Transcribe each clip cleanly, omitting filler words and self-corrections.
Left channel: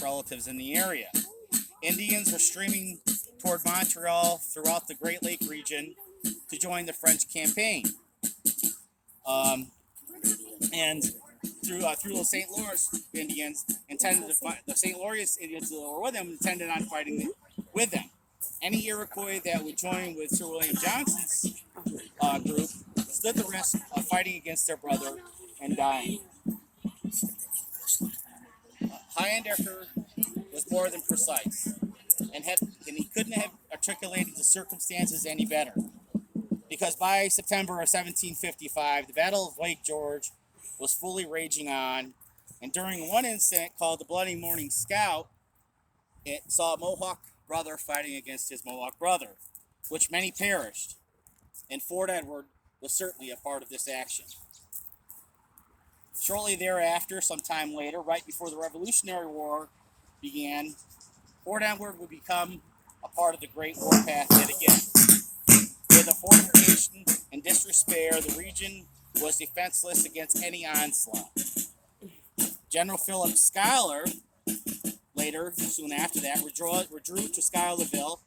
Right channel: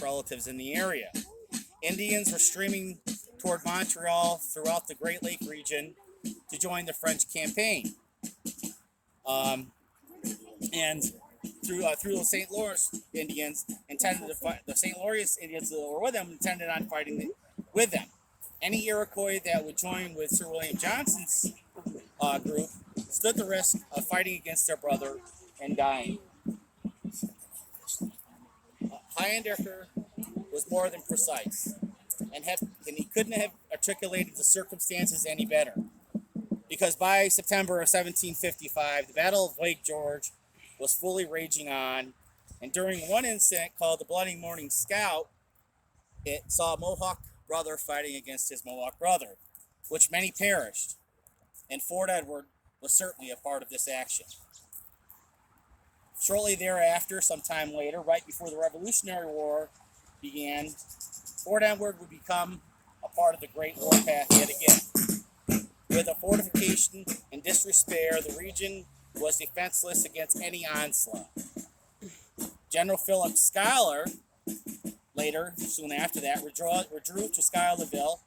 relatives in the area. Indians were streaming toward Montreal throughout the Great Lake region to join the French campaign. And through the St. Lawrence Indians intended to fight. The St. Lawrence Indians that were with them intended on fighting with them. Any Iroquois that would join with Sir William Johnson's group stood the risk of fighting against their brother and dying. Highandecker was more than precise, and he couldn't have articulated the circumstances any better. Because by September of 1755, the Battle of Lake George was fully raging on, and during one incident called the Bloody Morning Scout, it saw a Mohawk brother fighting against his Mohawk brother, which many perished, and Fort Edward was certainly a part of this action. Shortly thereafter, sometime later, right before the Revolutionary War began, Fort Edward would become a part of the Great Warpath yet again. With a fortification and disrepair, the region was defenseless against any onslaught. General Philip Schuyler, later, soon after that, withdrew to Schuylerville,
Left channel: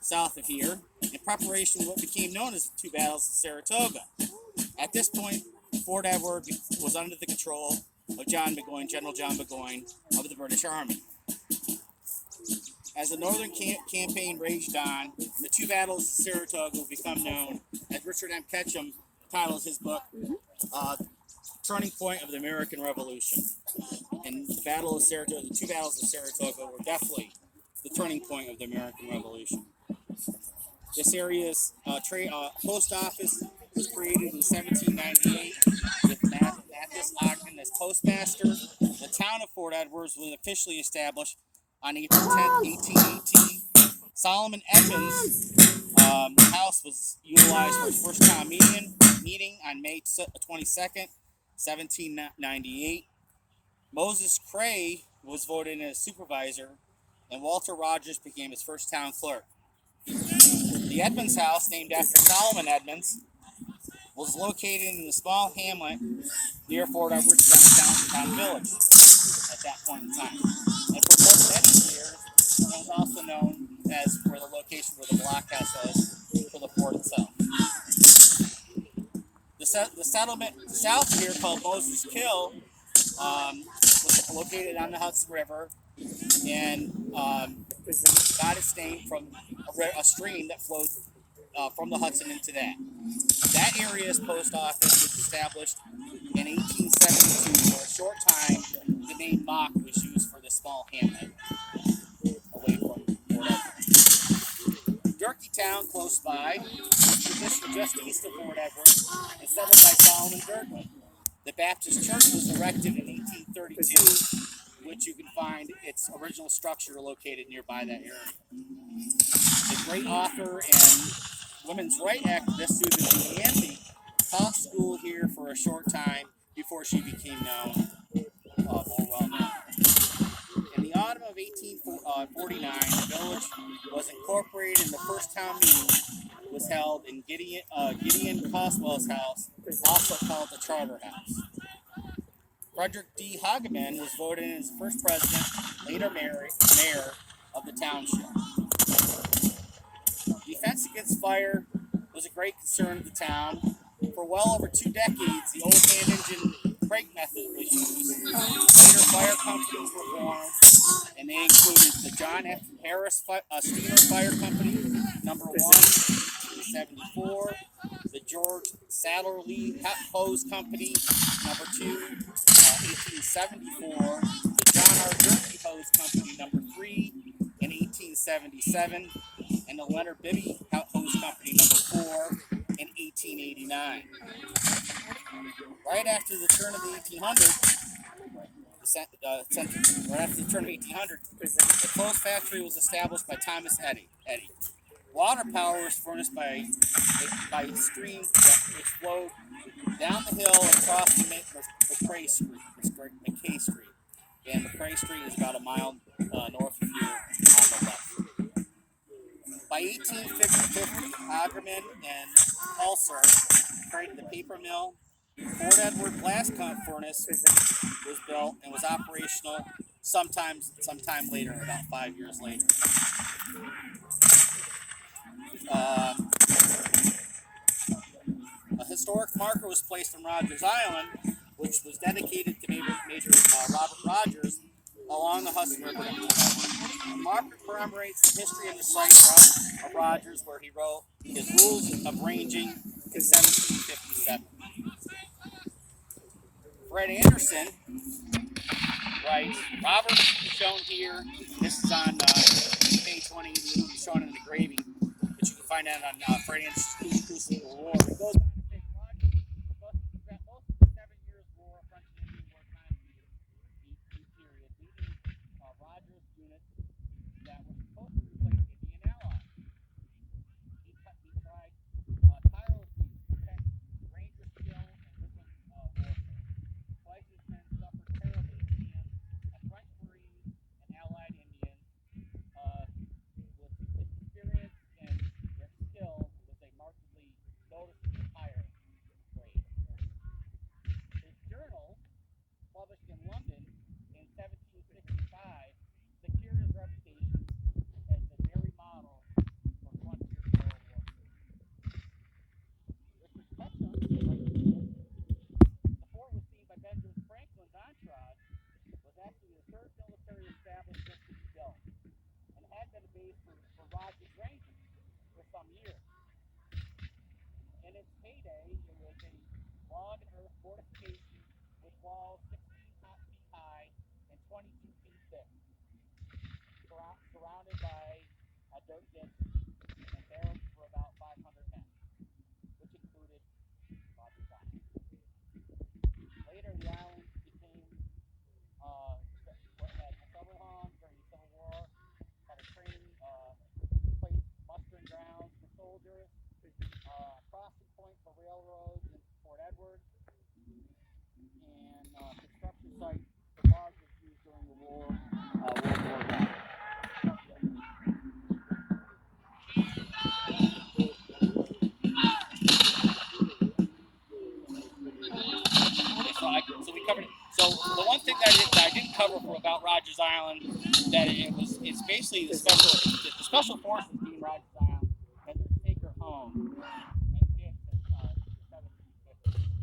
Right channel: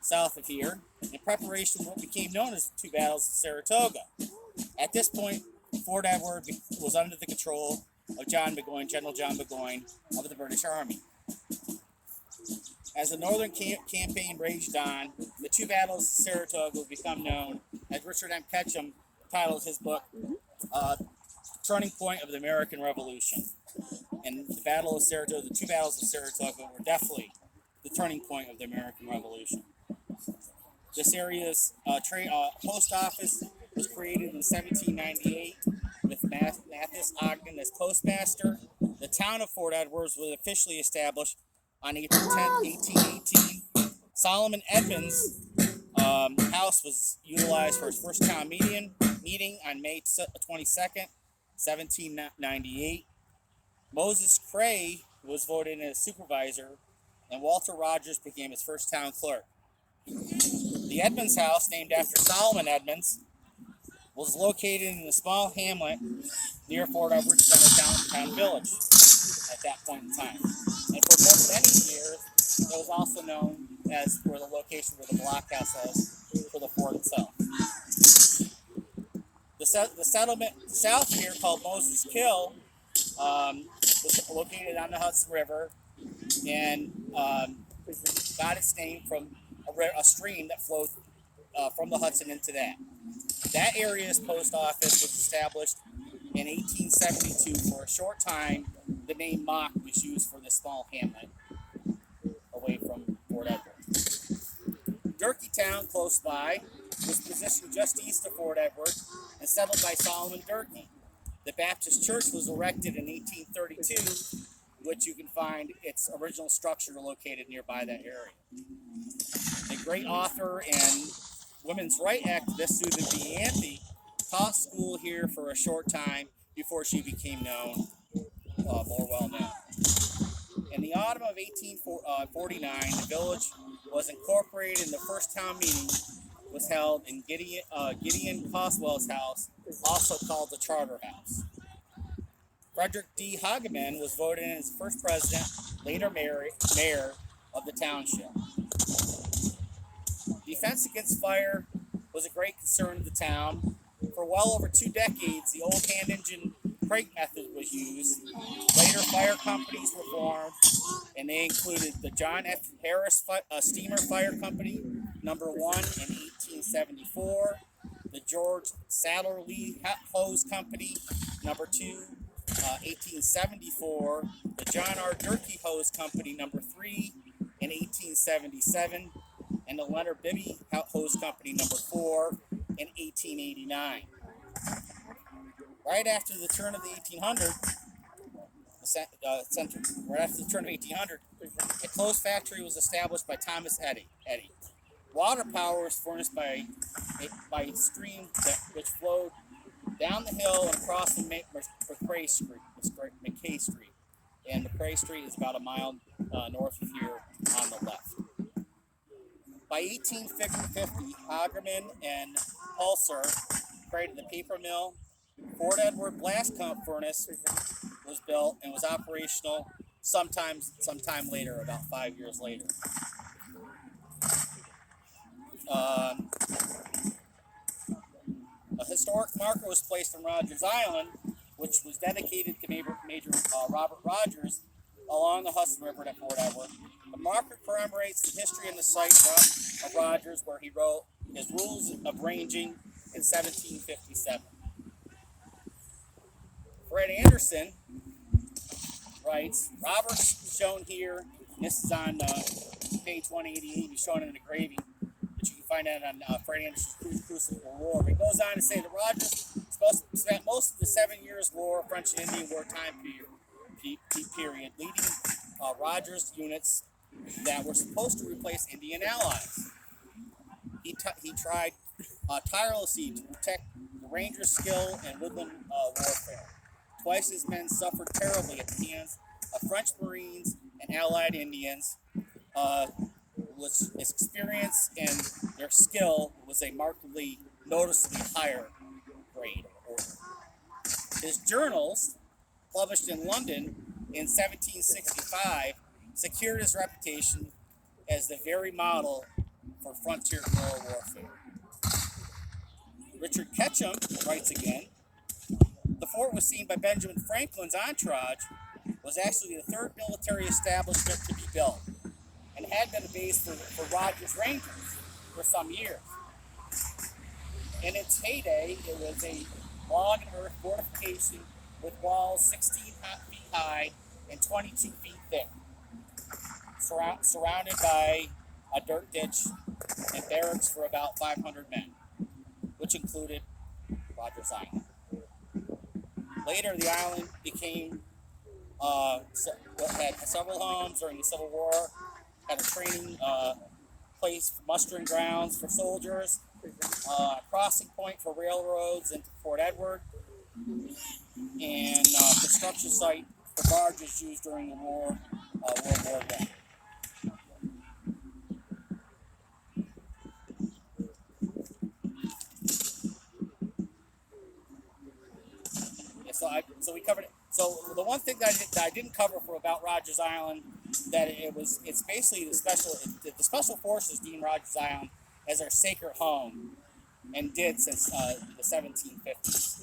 south of here, in preparation for what became known as the two battles of Saratoga. At this point, Fort Edward was under the control of General John Burgoyne of the British Army. As the Northern campaign raged on, the two battles of Saratoga would become known, as Richard M. Ketchum titles his book, Turning Point of the American Revolution. And the two battles of Saratoga were definitely the turning point of the American Revolution. This area's post office was created in 1798 with Matthias Ogden as postmaster. The town of Fort Edwards was officially established on April 10, 1818. Solomon Edmonds' house was utilized for his first town meeting on May 22nd, 1798. Moses Cray was voted in as supervisor, and Walter Rogers became his first town clerk. The Edmonds House, named after Solomon Edmonds, was located in the small hamlet near Fort Edward Center Town Village at that point in time. And for many years, it was also known as for the location where the blockhouse was for the fort itself. The settlement south here, called Moses Kill, was located on the Hudson River and got its name from a stream that flowed from the Hudson into that. That area's post office was established in 1872. For a short time, the name Mock was used for this small hamlet away from Fort Edward. Durkeetown, close by, was positioned just east of Fort Edward and settled by Solomon Durkee. The Baptist Church was erected in 1832, which you can find its original structure located nearby that area. The great author and women's rights activist Susan B. Anthony taught school here for a short time before she became more well known. In the autumn of 1849, the village was incorporated, and the first town meeting was held in Gideon Coswell's house, also called the Charter House. Frederick D. Hageman was voted in as first president, later mayor of the township. Defense against fire was a great concern of the town. For well over 2 decades, the old hand engine crank method was used. Later, fire companies were formed, and they included the John F. Harris Steamer Fire Company, number 1, in 1874, the George Satterlee Hose Company, number 2, 1874, the John R. Durkee Hose Company, number 3, in 1877, and the Leonard Bibby Hose Company, number 4, in 1889. Right after the turn of the 1800s, the clothes factory was established by Thomas Eddy. Water power was furnished by a stream which flowed down the hill and across McCray Street. And McCray Street is about a mile north of here on the left. By 1850, Hagerman and Pulser created the paper mill. Fort Edward blast furnace was built and was operational sometime later, about 5 years later. Um, a historic marker was placed on Rogers Island, which was dedicated to Major Robert Rogers along the Hudson River at Fort Edward. The marker commemorates the history of the site of Rogers, where he wrote his Rules of Ranging in 1757. Fred Anderson writes, Roberts is shown here. This is on page 188, shown in the engraving, but you can find that on Fred Anderson's Crucible War. It goes on to say that Rogers spent most of the 7 Years' War, French and Indian War time period, leading Rogers units that were supposed to replace Indian allies. He tried tirelessly to protect the Rangers' skill in woodland warfare. Twice his men suffered terribly at the hands of French Marines and Allied Indians. His experience and their skill was a markedly, noticeably higher grade order. His journals, published in London in 1765, secured his reputation as the very model for frontier guerrilla warfare. Richard Ketchum writes again, the fort was seen by Benjamin Franklin's entourage, was actually the third military establishment to be built, and had been a base for Rogers Rangers for some years. In its heyday, it was a log and earth fortification with walls 16 feet high and 22 feet thick, surrounded by a dirt ditch and barracks for about 500 men, which included Rogers Island. Later, the island became had several homes during the Civil War, had a training place, mustering grounds for soldiers, crossing point for railroads into Fort Edward, and construction site for barges used during the war, World War I. So we covered it. So the one thing that I didn't cover for about Rogers Island, that it's basically the special forces deem Rogers Island as their sacred home, and did since the 1750s.